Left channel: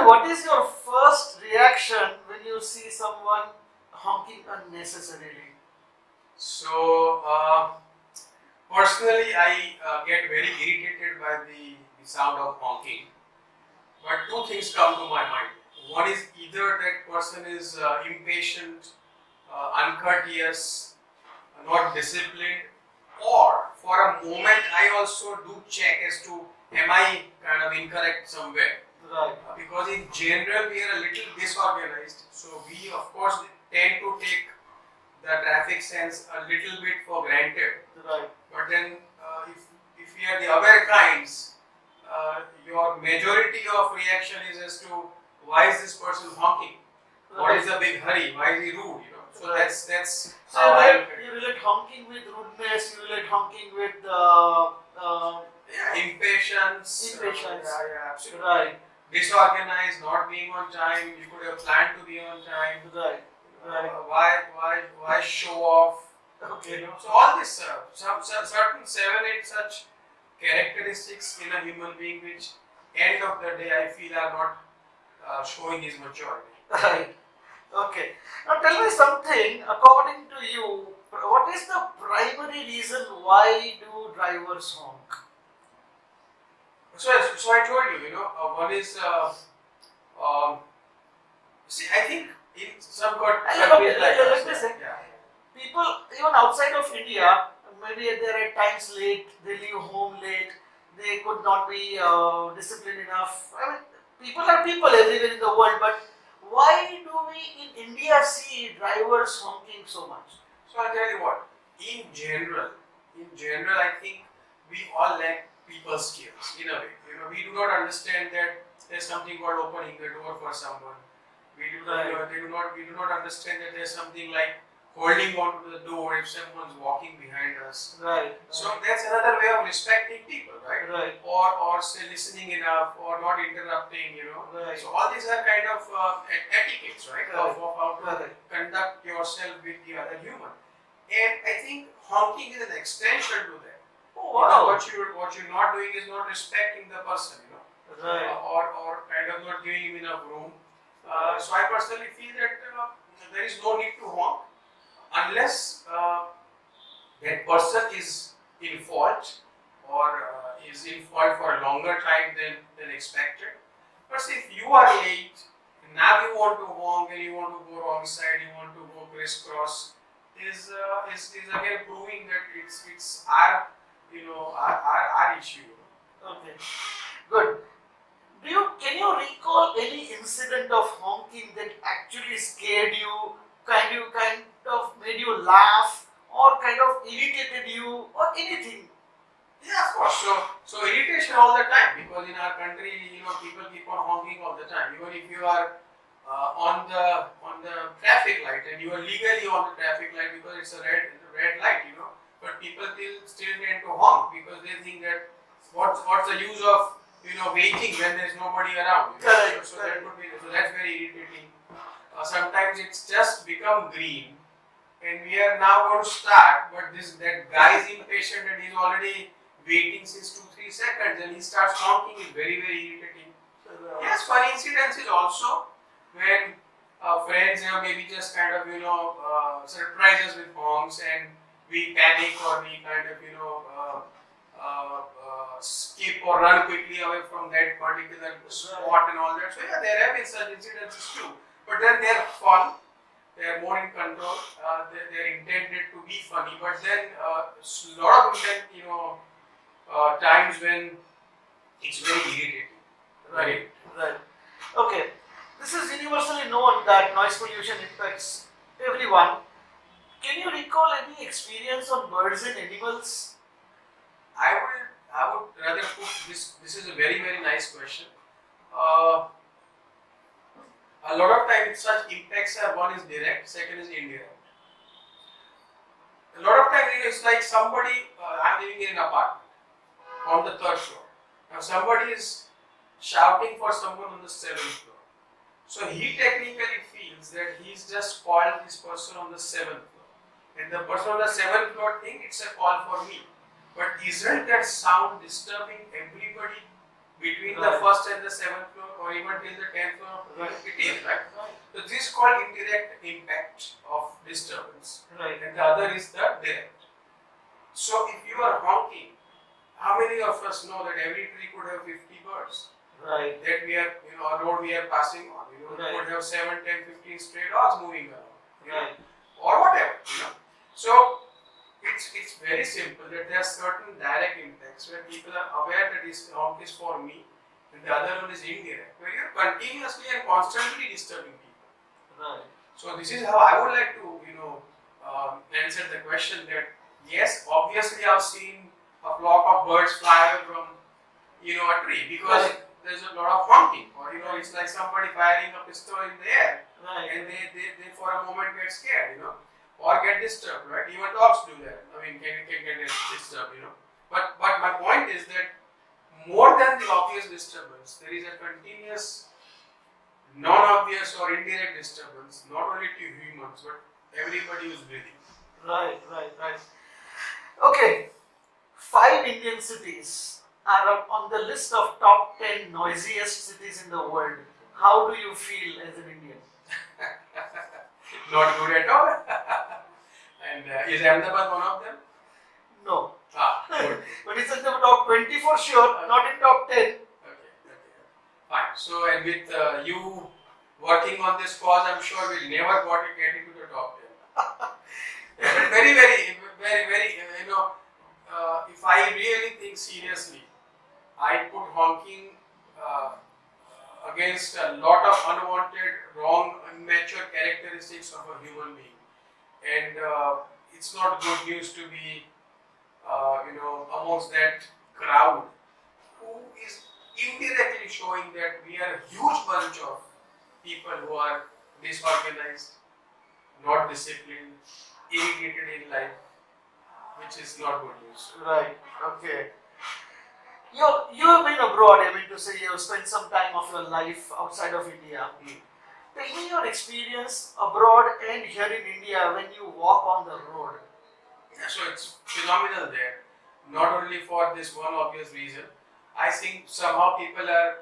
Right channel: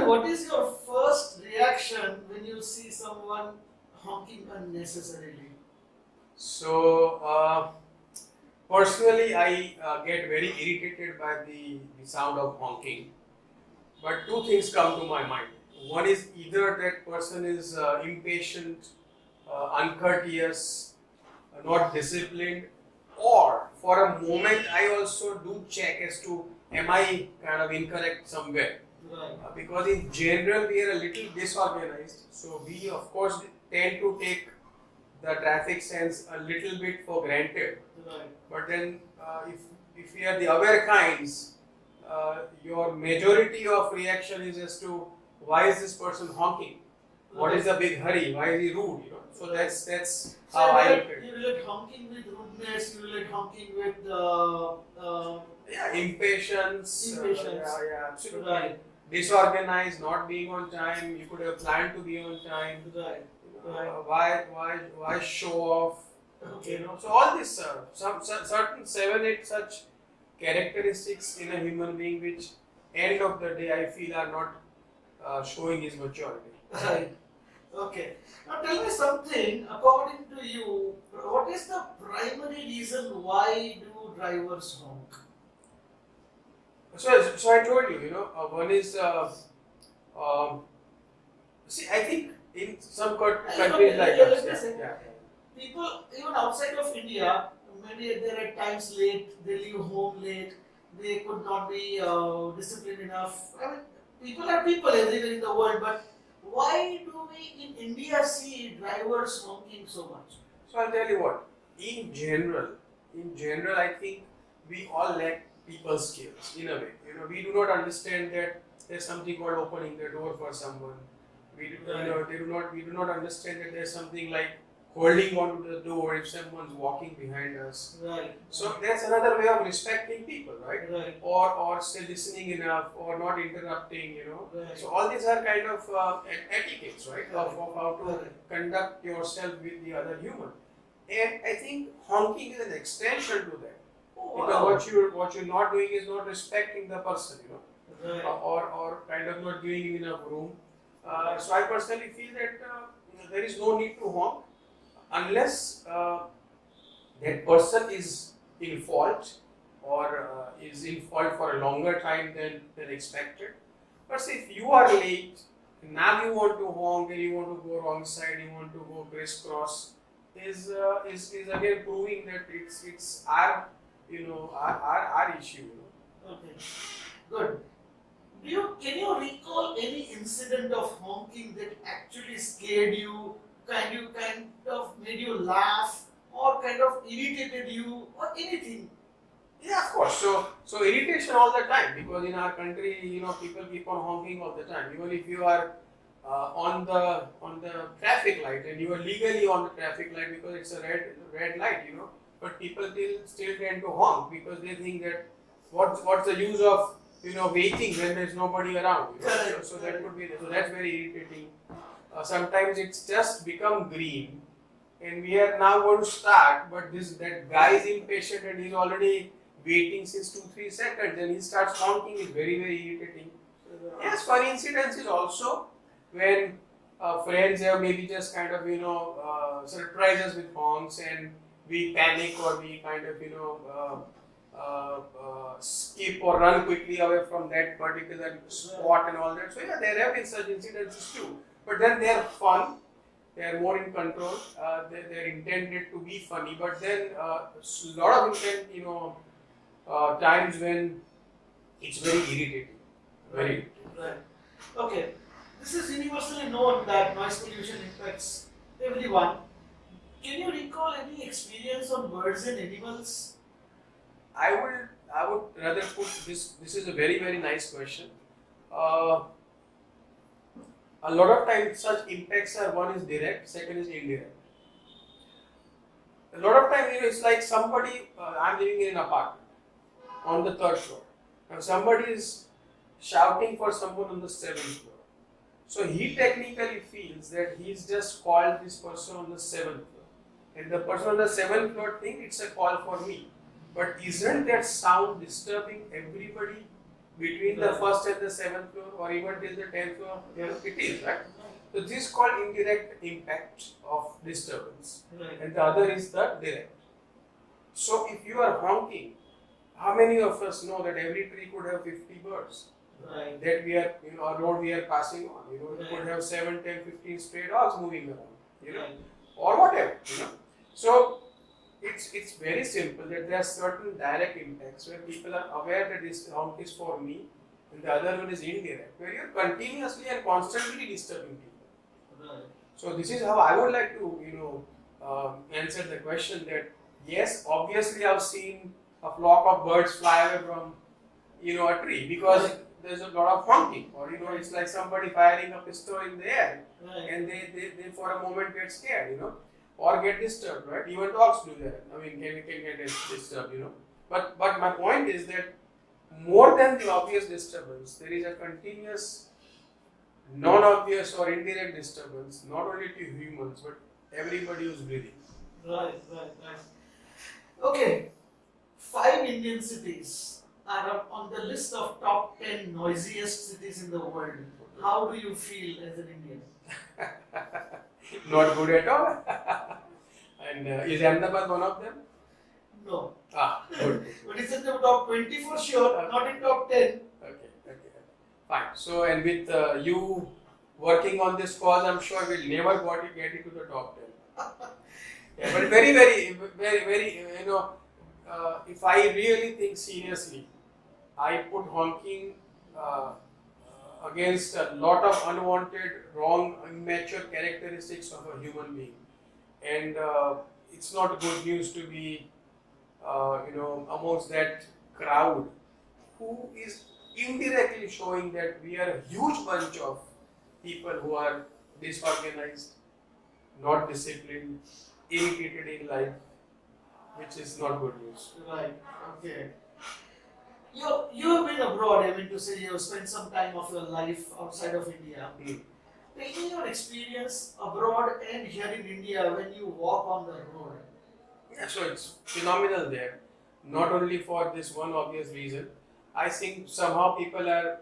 me, what is your first reaction when you see someone honking unnecessarily? So, personally, I get very irritated by the sound of honking. But two things come to my mind. One is either that person is impatient, uncourteous, not disciplined, or for a moment I also do check as to am I kind of incorrect somewhere. Right. Because in general we are a little disorganized, so we of course tend to take the traffic sense a little bit for granted. Right. But then if we are the aware kinds, your majority of reaction is as to why is this person honking? What is the big hurry? Why is he rude? So that's So how I look at it. you relate honking with rudeness, you relate honking with Yeah, impatience. Impatience. Yeah, absolutely. Right. Disorganized, not being on time. You could have planned to be on time. Right. Right. Why show off? Okay. So all this, some certain 7, 8 such characteristics in a human being, which end of the day I feel are not showing his maturity. Right. Okay. Now tell me something. According to you, what is the primary reason why do drivers honk? So I told you, one is, see, I think in some countries like us, Let me say, yeah. people even outside of India, maybe they're at times late, they leave home late, they could not be disciplined enough. I mean, people are people everywhere in the world, but why do we in India see drivers honking so much? So I'll tell you what, in general, I think we all lack people skills in a way. We do not understand that there's something called opening the door for someone. We do not understand that there's something like holding on to the door if someone's walking behind us. Right. So that's another way of respecting people, right? Right. Or say listening enough, or not interrupting. Right. So all these are kind of etiquettes, right? Right. Of how to Right. conduct yourself with the other human. And I think honking is an extension to that. Oh, Because wow. what you're not doing is not respecting the person, Right. or kind of not giving him enough room. So I personally feel that there is no need to honk unless that person is in fault, or is in fault for a longer time than expected. But see, if you are late, now you want to honk and you want to go wrong side, you want to go crisscross, is again proving that it's our our issue. Okay. Good. Can you recall any incident of honking that actually scared you, kind of made you laugh, or kind of irritated you, or anything? Yeah, of course. So irritation all the time, because in our country, people keep on honking all the time. Even if you are on the traffic light and you are legally on the traffic light because it's a red light, but people still tend to honk because they think that what's the use of waiting when there's nobody around. Correct. So that could be so that's very irritating. Sometimes it's just become green, and we are now going to start, but that guy is impatient and he's already waiting since 2-3 seconds, and he starts honking. Is very irritating. Yes, funny incidents is also when friends have maybe just kind of surprise us with honks, and we panic, or we kind of skip or run quickly away from that particular spot and all that. So yeah, there have been such incidences too, but then they are fun. They are more in control. They are intended to be funny, but then a lot of times when it's very irritating. Right. Right. Okay. This is universally known that noise pollution impacts everyone. Can you recall any experience on birds and animals? I would rather put this. This is a very nice question. Uh, a lot of times such impacts are, one is direct, second is indirect. A lot of times it's like somebody, I'm living in an apartment on the 3rd floor. Now somebody is shouting for someone on the 7th floor. So he technically feels that he's just called this person on the 7th floor. And the person on the 7th floor thinks it's a call for me. But isn't that sound disturbing everybody between the Right. first and the seventh floor, or even till the 10th floor, Right. it is, right? Right. So this is called indirect impact of disturbance, Right. and the other is the direct. So if you are honking, how many of us know that every tree could have 50 birds? Right. That we are, a road we are passing on, Right. could have 7, 10, 15 stray dogs moving around, Right. or whatever. So it's very simple that there are certain direct impacts where people are aware that this honk is for me, and the other one is indirect, where you're continuously and constantly disturbing people. Right. So this is how I would like to, answer the question that yes, obviously I've seen a flock of birds fly away from, a tree because Right. there's a lot of honking, or it's like somebody firing a pistol in the air, Right. and they for a moment get scared, or get disturbed, right? Even dogs do that. I mean, can get disturbed, But my point is that more than the obvious disturbance, there is a continuous non-obvious or indirect disturbance, not only to humans but everybody who's breathing. Right. Okay. 5 Indian cities are on the list of top 10 noisiest cities in the world. How do you feel as an Indian? Not good at all. And is Ahmedabad one of them? No. Good. But it's in the top 20 for sure, not in top 10. Okay. Fine. So, and with you working on this cause, I'm sure we'll never get it to the top 10. Yeah, but very, if I really think seriously, I put honking against a lot of unwanted, wrong, immature characteristics of a human being. And it's not good news to be, amongst that crowd who is indirectly showing that we are a huge bunch of people who are disorganized, not disciplined, irritated in life, which is not good news. Right. Okay. You have been abroad. I mean to say you have spent some time of your life outside of India. Tell me your experience abroad and here in India when you walk on the road. Yeah, so it's phenomenal there. Not only for this one obvious reason, I think somehow people are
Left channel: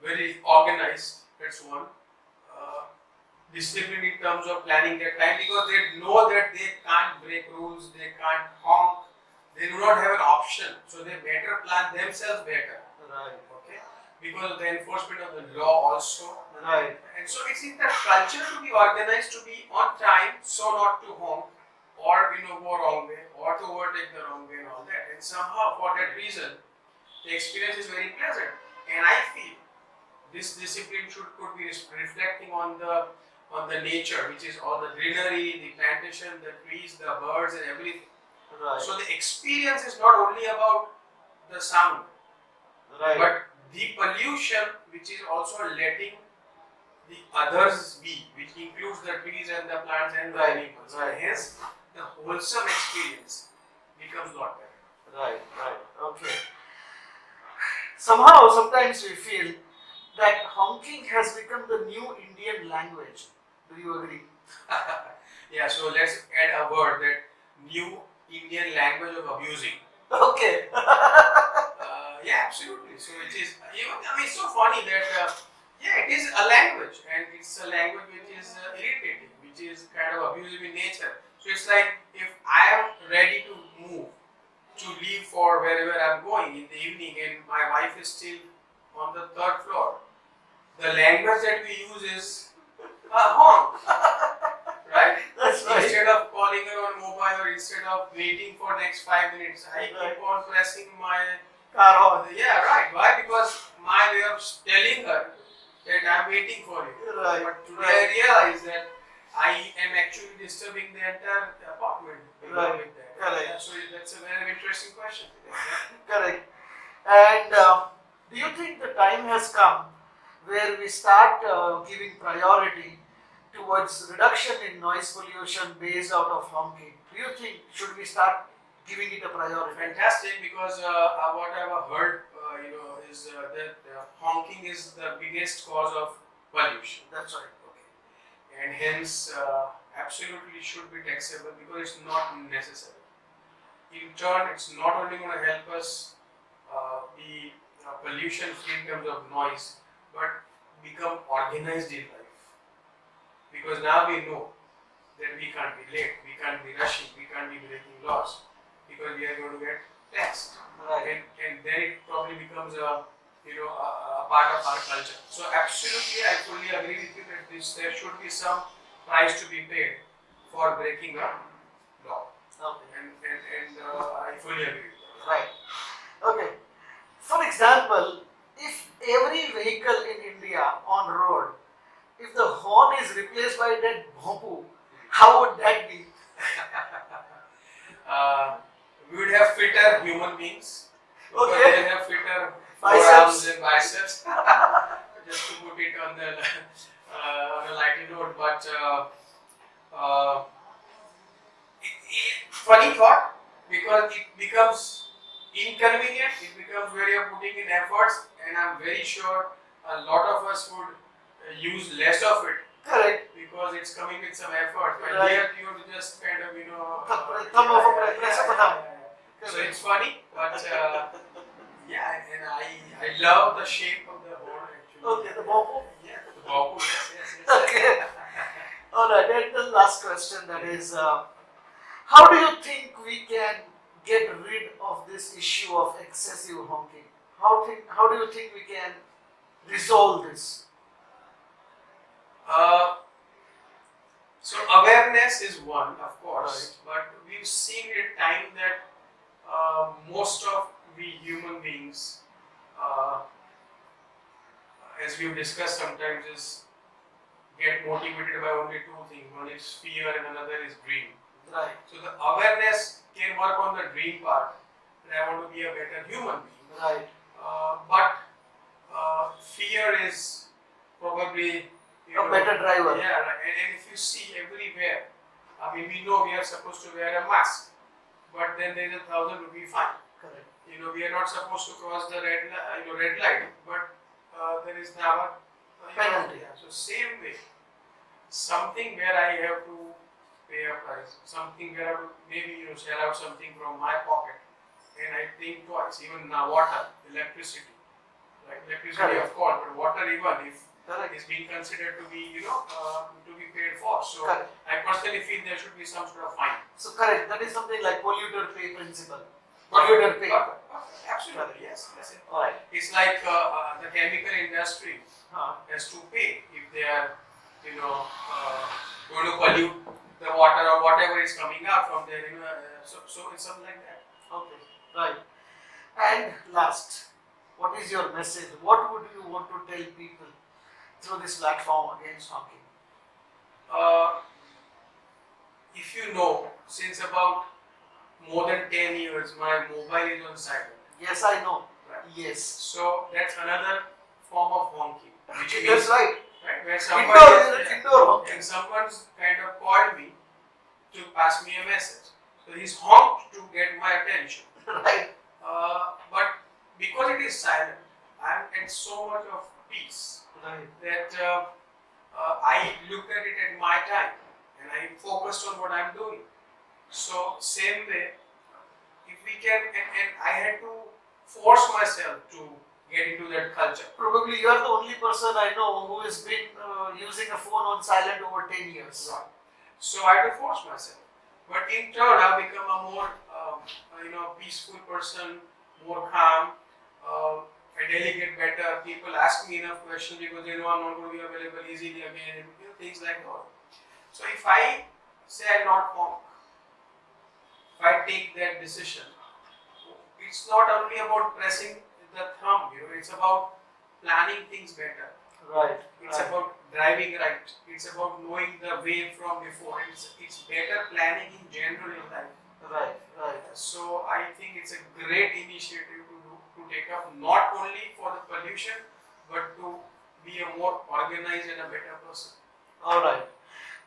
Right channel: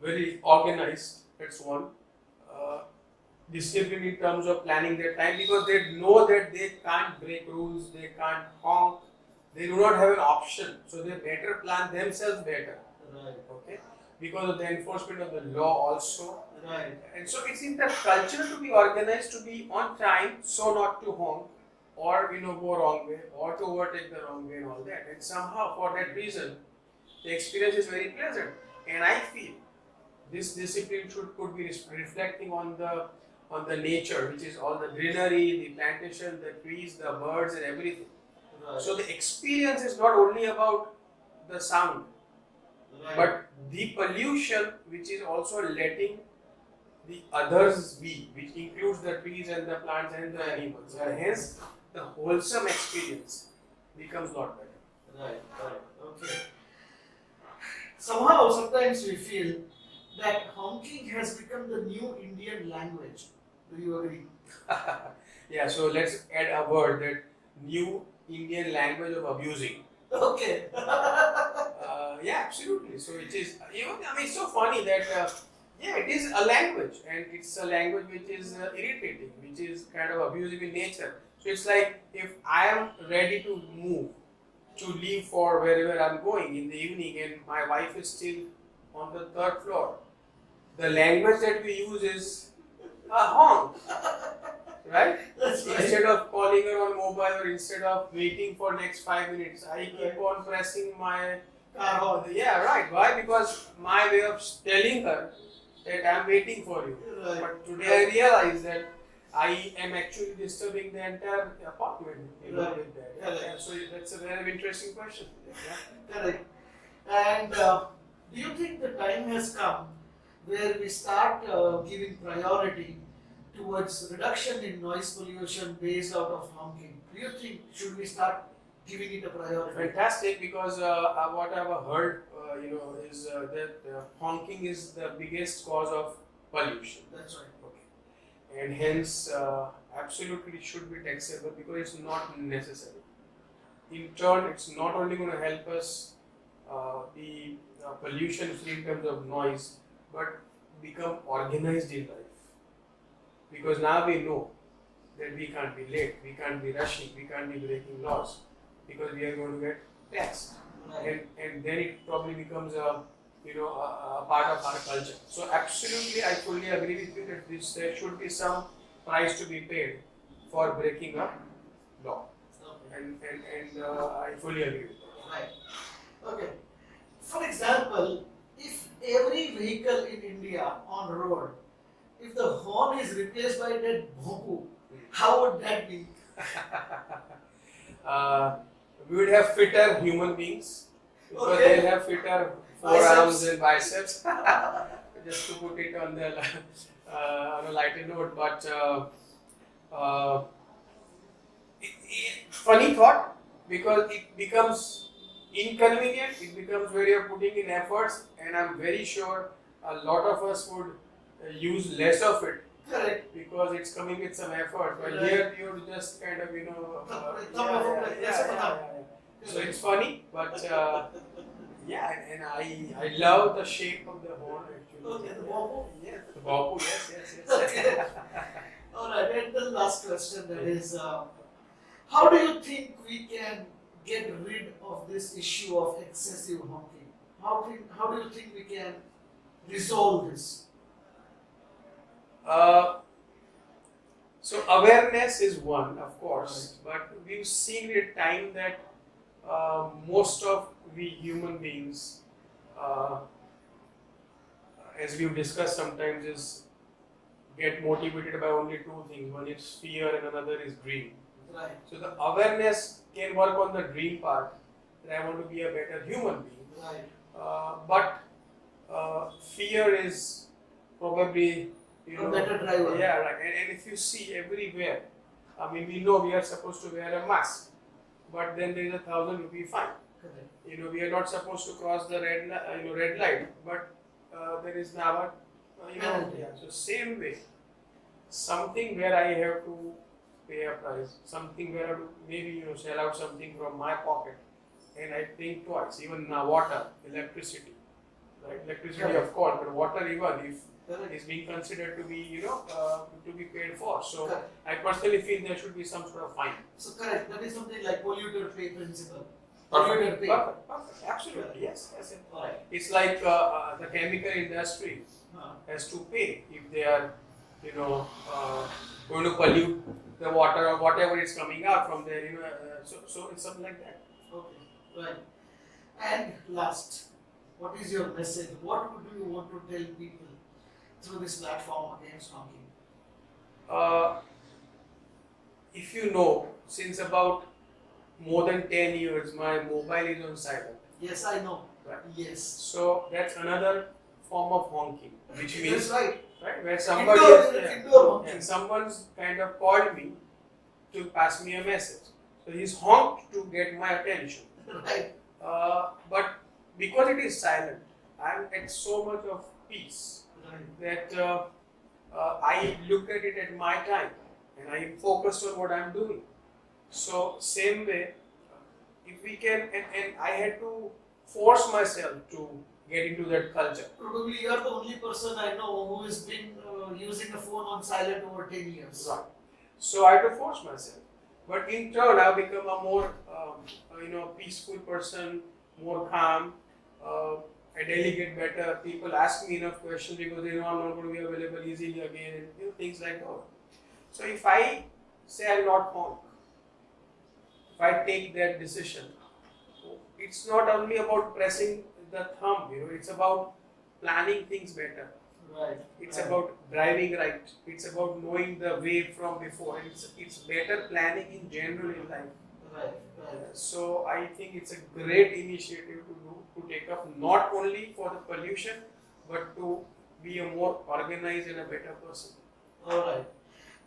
very organized. That's one. Disciplined in terms of planning their time because they know that they can't break rules, they can't honk, they do not have an option. So they better plan themselves better. Right. Okay. Because of the enforcement of the law also. Right. And so it's in the culture to be organized, to be on time, so not to honk or go wrong way or to overtake the wrong way and all that. And somehow for that reason, the experience is very pleasant. And I feel this discipline could be reflecting on the nature, which is all the greenery, the plantation, the trees, the birds, and everything. Right. So the experience is not only about the sound, Right. but the pollution, which is also letting the others be, which includes the trees and the plants and the Right. animals. Right. And hence, the wholesome experience becomes a lot better. Right. Okay. Somehow, sometimes we feel that honking has become the new Indian language. Do you agree? Yeah, so let's add a word, that new Indian language of abusing. Okay. Yeah, absolutely. So it is, it's so funny that, it is a language, and it's a language which is irritating, which is kind of abusive in nature. So it's like if I am ready to move, to leave for wherever I'm going in the evening, and my wife is still on the 3rd floor, the language that we use is a honk, right? That's right. Instead of calling her on mobile or instead of waiting for next 5 minutes, I keep Right. on pressing my Car horn. Yeah, right. Why? Because my way of telling her that I'm waiting for you. Right. But today Right. I realize that I am actually disturbing the entire apartment Right. with that. Correct. Yeah, so that's a very interesting question. Correct. And do you think the time has come where we start giving priority towards reduction in noise pollution based out of honking? Do you think should we start giving it a priority? Fantastic, because what I've heard, is that honking is the biggest cause of pollution. That's right. Okay, and hence absolutely should be taxable because it's not necessary. In turn, it's not only going to help us be pollution free in terms of noise, but become organized in life. Because now we know that we can't be late, we can't be rushing, we can't be breaking laws, because we are going to get taxed. Right. And then it probably becomes a part of our culture. So absolutely, I fully agree with you that there should be some price to be paid for breaking a law, Okay. and I fully agree with that. Right. Okay. For example, if every vehicle in India on road, if the horn is replaced by that bamboo, how would that be? uh, we would have fitter human beings because Okay. they have fitter Biceps. forearms and biceps. Just to put it on the on a lighter note, but uh, funny thought, because it becomes inconvenient. It becomes where you're putting in efforts, and I'm very sure a lot of us would use less of it Correct. because it's coming with some effort. But Right. here you just kind of Thumb of a press of a thumb. So it's funny, but yeah, and I love the shape of the horn actually. Okay, the bamboo. Yeah, the bamboo. Yes. Okay. All right. And the last question, that is, how do you think we can get rid of this issue of excessive honking? How do you think we can resolve this? So awareness is one, of course, but we've seen a time that most of we human beings, as we've discussed sometimes, is get motivated by only two things. One is fear and another is dream. Right. So the awareness can work on the dream part, that I want to be a better human being. Right. But fear is probably A better driver. Yeah, right. And if you see everywhere, I mean, we know we are supposed to wear a mask, but then there is a 1,000 rupee fine. Correct. We are not supposed to cross the red light, but there is now a Penalty. yeah. So same way, something where I have to pay a price, something where I have to maybe sell out something from my pocket, and I think twice. Even water, electricity, right? Electricity Correct. of course, but water even if Correct. is being considered to be to be paid for. So Correct. I personally feel there should be some sort of fine. So correct. That is something like polluter pay principle. Polluter pay. Perfect. Absolutely. Yes. All right. It's like the chemical industry has to pay if they are going to pollute the water or whatever is coming out from there. So it's something like that. Okay. Right. And last, what is your message? What would you want to tell people through this platform against honking? If you know, since about more than 10 years, my mobile is on silent. Yes, I know. Right. Yes. So that's another form of honking, which means That's right. where Indoor honking. and someone's kind of called me to pass me a message. So he's honked to get my attention. Right. But because it is silent, I'm at so much of peace Right. that I look at it at my time and I am focused on what I'm doing. So same way, if we can, and I had to force myself to get into that culture. Probably you are the only person I know who has been using a phone on silent over 10 years. Right. So I had to force myself. But in turn, I've become a more, peaceful person, more calm. I delegate better. People ask me enough questions because they know I'm not going to be available easily again, and things like that. So if I say I'll not honk, if I take that decision, it's not only about pressing the thumb. It's about planning things better. Right. It's right. about driving right. It's about knowing the way from before. It's better planning in general in life. Right. Right. So I think it's a great initiative to take up, not only for the pollution, but to be a more organized and a better person. All right.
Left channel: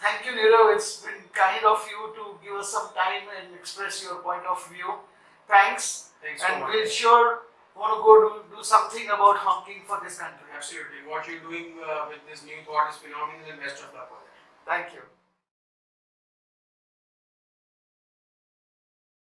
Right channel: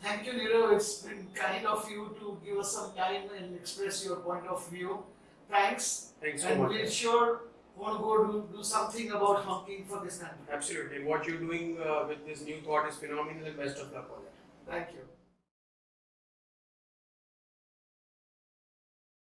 Thank you, Nirav. It's been kind of you to give us some time and express your point of view. Thanks. Thanks so And much. we'll sure want to go do something about honking for this country. Absolutely. What you're doing with this new thought is phenomenal, and best of luck for that. Thank you.